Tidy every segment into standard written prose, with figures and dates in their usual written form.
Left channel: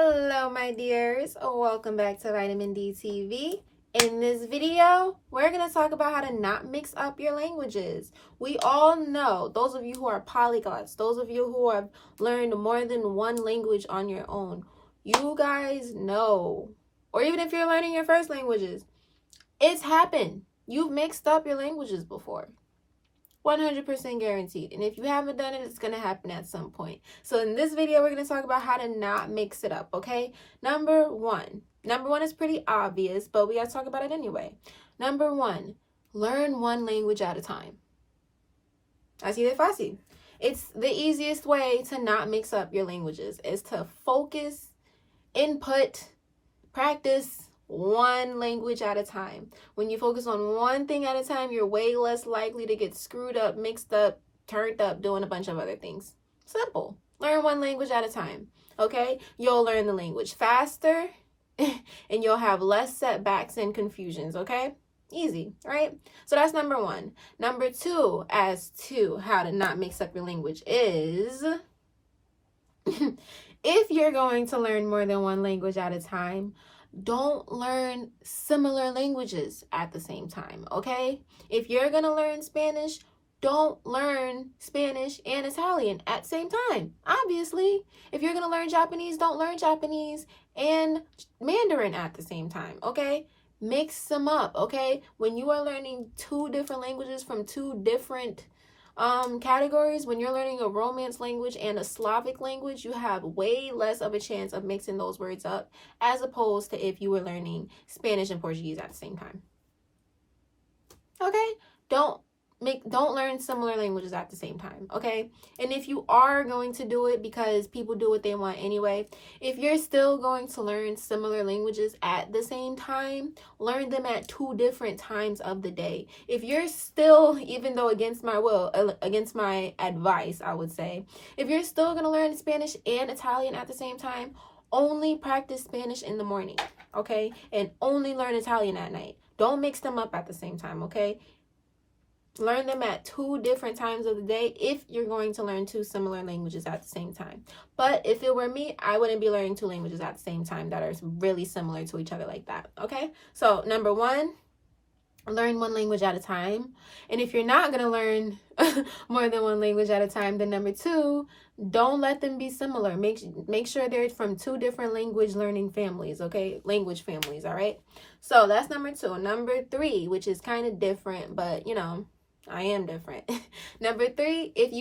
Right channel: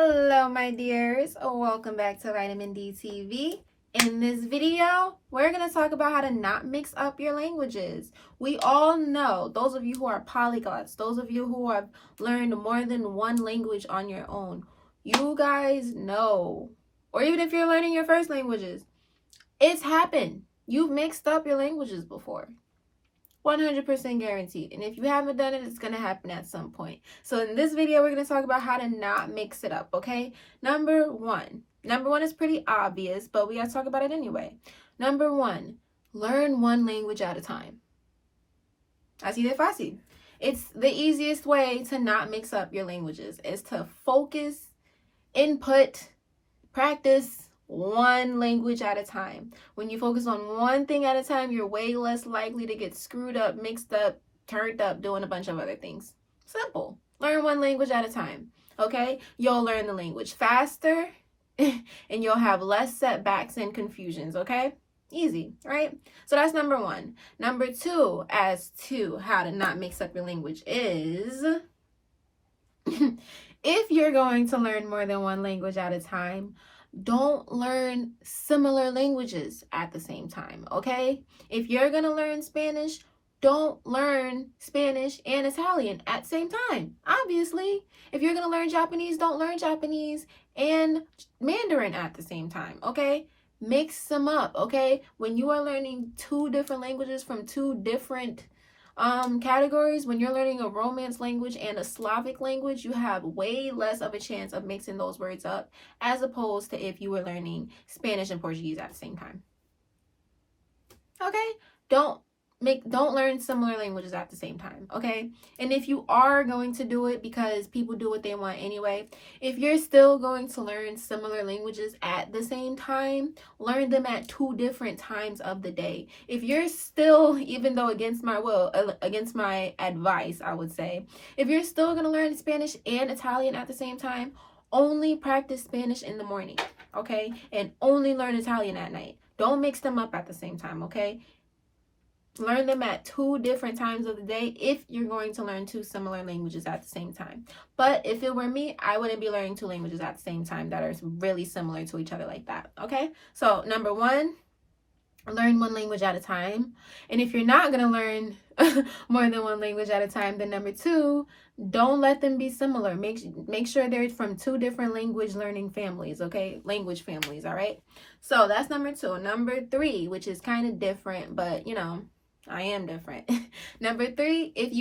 Hello, my dears. Welcome back to Vitamin D TV. In this video, we're going to talk about how to not mix up your languages. We all know, those of you who are polyglots, those of you who have learned more than one language on your own, you guys know, or even if you're learning your first languages, it's happened. You've mixed up your languages before. 100% guaranteed. And if you haven't done it, it's going to happen at some point. So in this video, we're going to talk about how to not mix it up, okay? Number one is pretty obvious, but we got to talk about it anyway. Number one, learn one language at a time. Así de fácil. It's the easiest way to not mix up your languages is to focus, input, practice one language at a time. When you focus on one thing at a time, you're way less likely to get screwed up, mixed up, turned up, doing a bunch of other things. Simple. Learn one language at a time, okay? You'll learn the language faster and you'll have less setbacks and confusions, okay? Easy, right? So that's number one. Number two, as to how to not mix up your language is if you're going to learn more than one language at a time, don't learn similar languages at the same time, okay? If you're going to learn Spanish, don't learn Spanish and Italian at the same time, obviously. If you're going to learn Japanese, don't learn Japanese and Mandarin at the same time, okay? Mix them up, okay? When you are learning two different languages from two different categories, when you're learning a Romance language and a Slavic language, you have way less of a chance of mixing those words up as opposed to if you were learning Spanish and Portuguese at the same time. Okay? Don't learn similar languages at the same time, okay? And if you are going to do it because people do what they want anyway, if you're still going to learn similar languages at the same time, learn them at two different times of the day. If you're still, even though against my will, against my advice, I would say, if you're still going to learn Spanish and Italian at the same time, only practice Spanish in the morning, okay? And only learn Italian at night. Don't mix them up at the same time, okay? Learn them at two different times of the day if you're going to learn two similar languages at the same time. But if it were me, I wouldn't be learning two languages at the same time that are really similar to each other like that, okay? So number one, learn one language at a time. And if you're not going to learn more than one language at a time, then number two, don't let them be similar. Make sure they're from two different language learning families, okay? Language families, all right? So that's number two. Number three, which is kind of different, but you know, I am different. Number three, if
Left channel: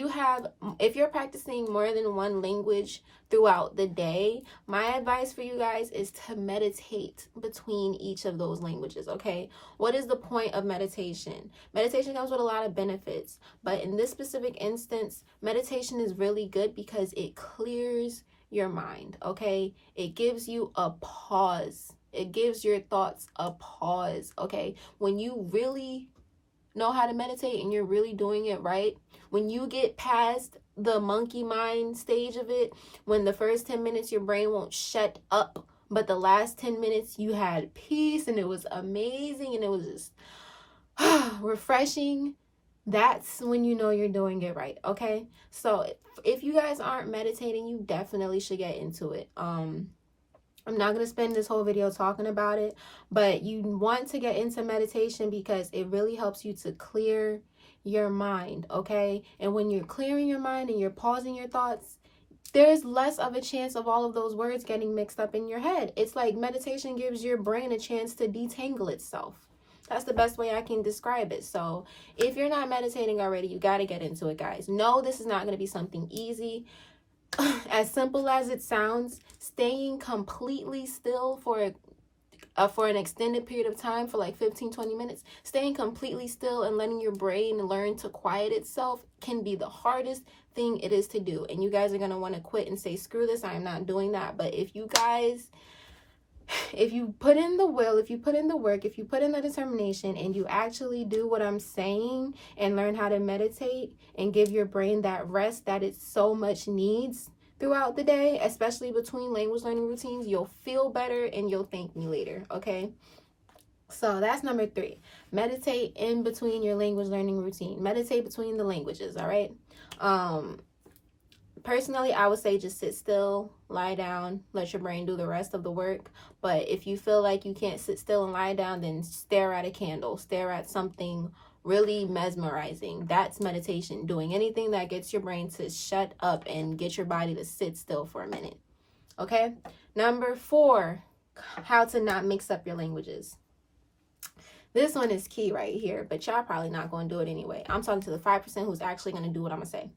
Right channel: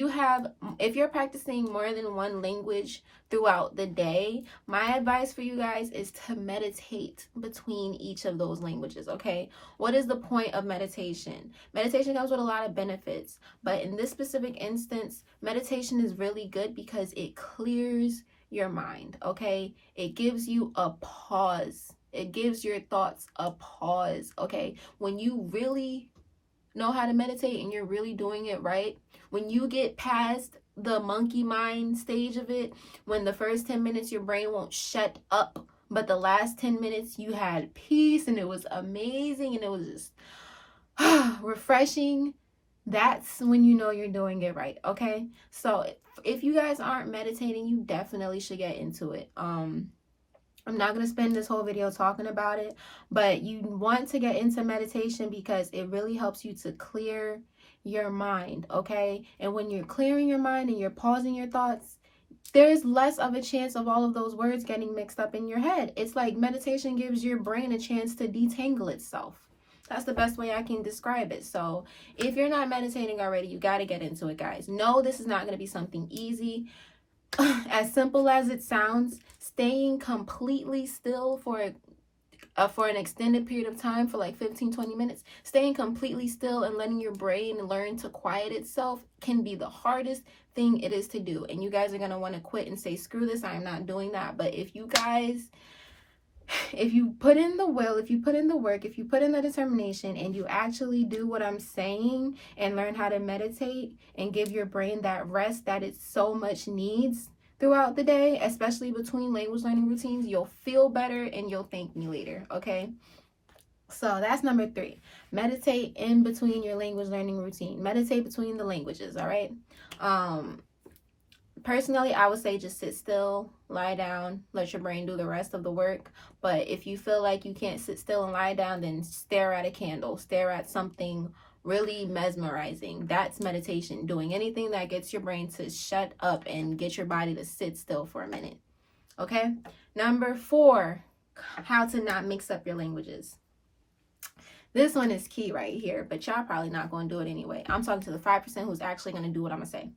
you're practicing more than one language throughout the day, my advice for you guys is to meditate between each of those languages, okay? What is the point of meditation? Meditation comes with a lot of benefits, but in this specific instance, meditation is really good because it clears your mind, okay? It gives you a pause. It gives your thoughts a pause, okay? When you really know how to meditate and you're really doing it right, when you get past the monkey mind stage of it, when the first 10 minutes your brain won't shut up, but the last 10 minutes you had peace and it was amazing and it was just refreshing, that's when you know you're doing it right, okay? So if you guys aren't meditating, you definitely should get into it. I'm not going to spend this whole video talking about it, but you want to get into meditation because it really helps you to clear your mind, okay? And when you're clearing your mind and you're pausing your thoughts, there's less of a chance of all of those words getting mixed up in your head. It's like meditation gives your brain a chance to detangle itself. That's the best way I can describe it. So if you're not meditating already, you got to get into it, guys. No, this is not going to be something easy. As simple as it sounds, staying completely still for an extended period of time, for like 15-20 minutes, staying completely still and letting your brain learn to quiet itself can be the hardest thing it is to do. And you guys are going to want to quit and say, screw this, I'm not doing that. But if you guys, if you put in the will, if you put in the work, if you put in the determination and you actually do what I'm saying and learn how to meditate and give your brain that rest that it so much needs throughout the day, especially between language learning routines, you'll feel better and you'll thank me later, okay? So that's number three. Meditate in between your language learning routine. Meditate between the languages, all right? Personally, I would say just sit still, lie down, let your brain do the rest of the work. But if you feel like you can't sit still and lie down, then stare at a candle, stare at something really mesmerizing. That's meditation. Doing anything that gets your brain to shut up and get your body to sit still for a minute. Okay? Number 4, how to not mix up your languages. This one is key right here, but y'all probably not going to do it anyway. I'm talking to the 5% who's actually going to do what I'm going to say.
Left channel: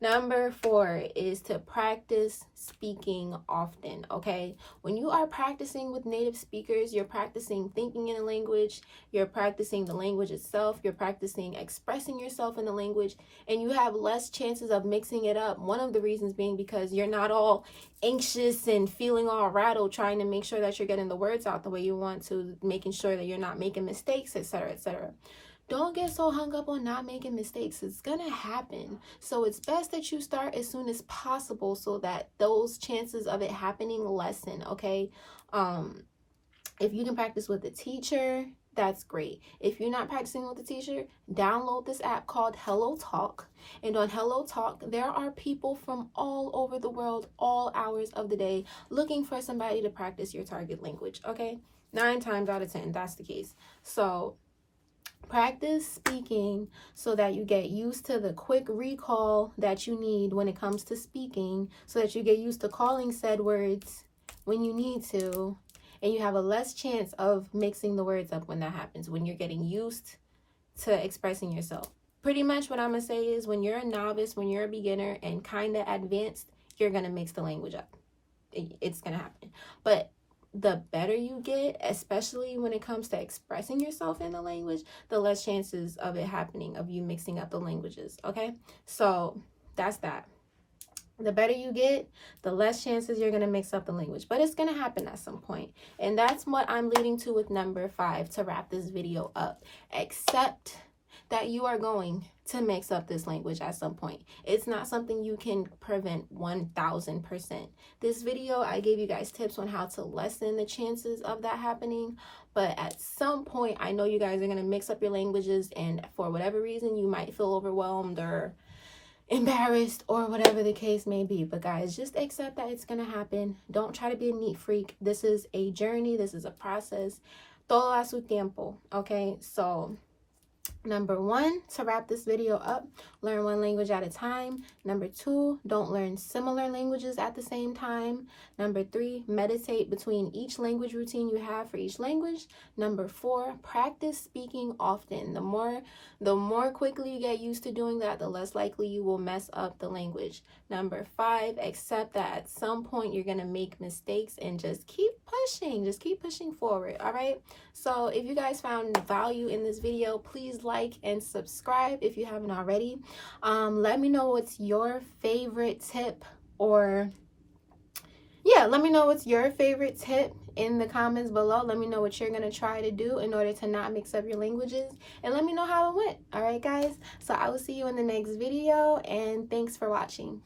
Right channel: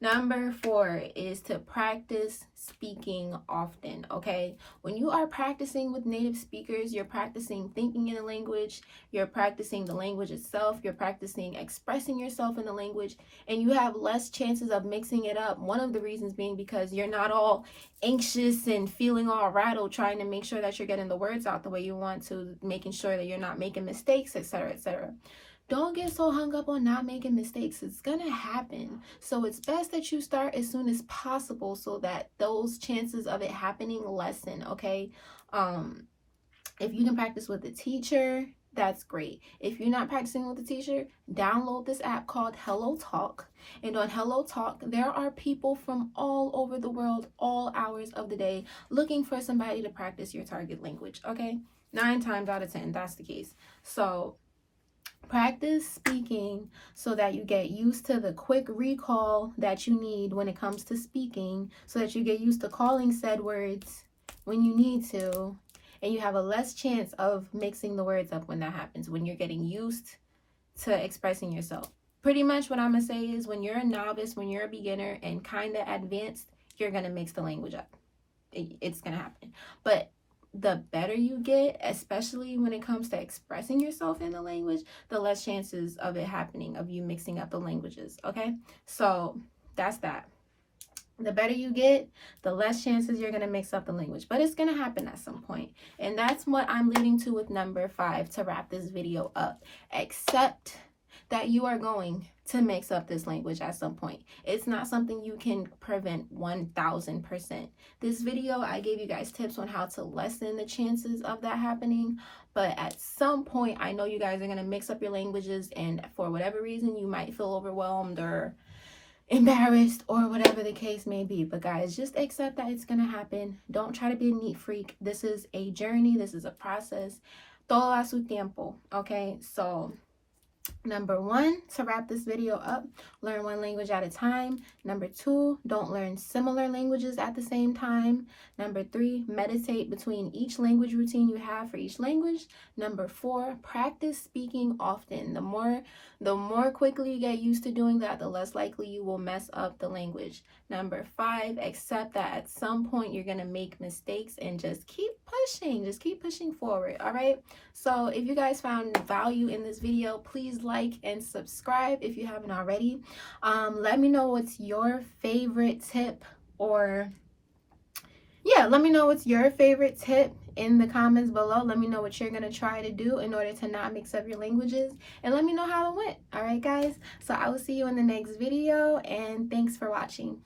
Number 4 is to practice speaking often, okay? When you are practicing with native speakers, you're practicing thinking in a language, you're practicing the language itself, you're practicing expressing yourself in the language, and you have less chances of mixing it up. One of the reasons being because you're not all anxious and feeling all rattled trying to make sure that you're getting the words out the way you want to, making sure that you're not making mistakes, etc., etc. Don't get so hung up on not making mistakes. It's gonna happen. So it's best that you start as soon as possible so that those chances of it happening lessen, okay? If you can practice with a teacher, that's great. If you're not practicing with a teacher, download this app called Hello Talk. And on Hello Talk, there are people from all over the world, all hours of the day, looking for somebody to practice your target language, okay? 9 times out of 10, that's the case. So practice speaking so that you get used to the quick recall that you need when it comes to speaking, so that you get used to calling said words when you need to, and you have a less chance of mixing the words up when that happens, when you're getting used to expressing yourself. Pretty much what I'm going to say is when you're a novice, when you're a beginner and kind of advanced, you're going to mix the language up. It's going to happen. But the better you get, especially when it comes to expressing yourself in the language, the less chances of it happening, of you mixing up the languages, okay? So that's that. The better you get, the less chances you're going to mix up the language. But it's going to happen at some point. And that's what I'm leading to with number 5 to wrap this video up. Accept that you are going to mix up this language at some point. It's not something you can prevent 1000%. This video, I gave you guys tips on how to lessen the chances of that happening. But at some point, I know you guys are going to mix up your languages, and for whatever reason, you might feel overwhelmed or embarrassed or whatever the case may be. But guys, just accept that it's going to happen. Don't try to be a neat freak. This is a journey. This is a process. Todo a su tiempo. Okay, so number 1, to wrap this video up, learn one language at a time. Number 2, don't learn similar languages at the same time. Number 3, meditate between each language routine you have for each language. Number 4, practice speaking often. The more quickly you get used to doing that, the less likely you will mess up the language. Number 5, accept that at some point you're going to make mistakes and just keep pushing. Just keep pushing forward, all right? So if you guys found value in this video, please like and subscribe if you haven't already. Let me know what's your favorite tip, or let me know what's your favorite tip in the comments below. Let me know what you're going to try to do in order to not mix up your languages, and let me know how it went. All right, guys. So I will see you in the next video, and thanks for watching.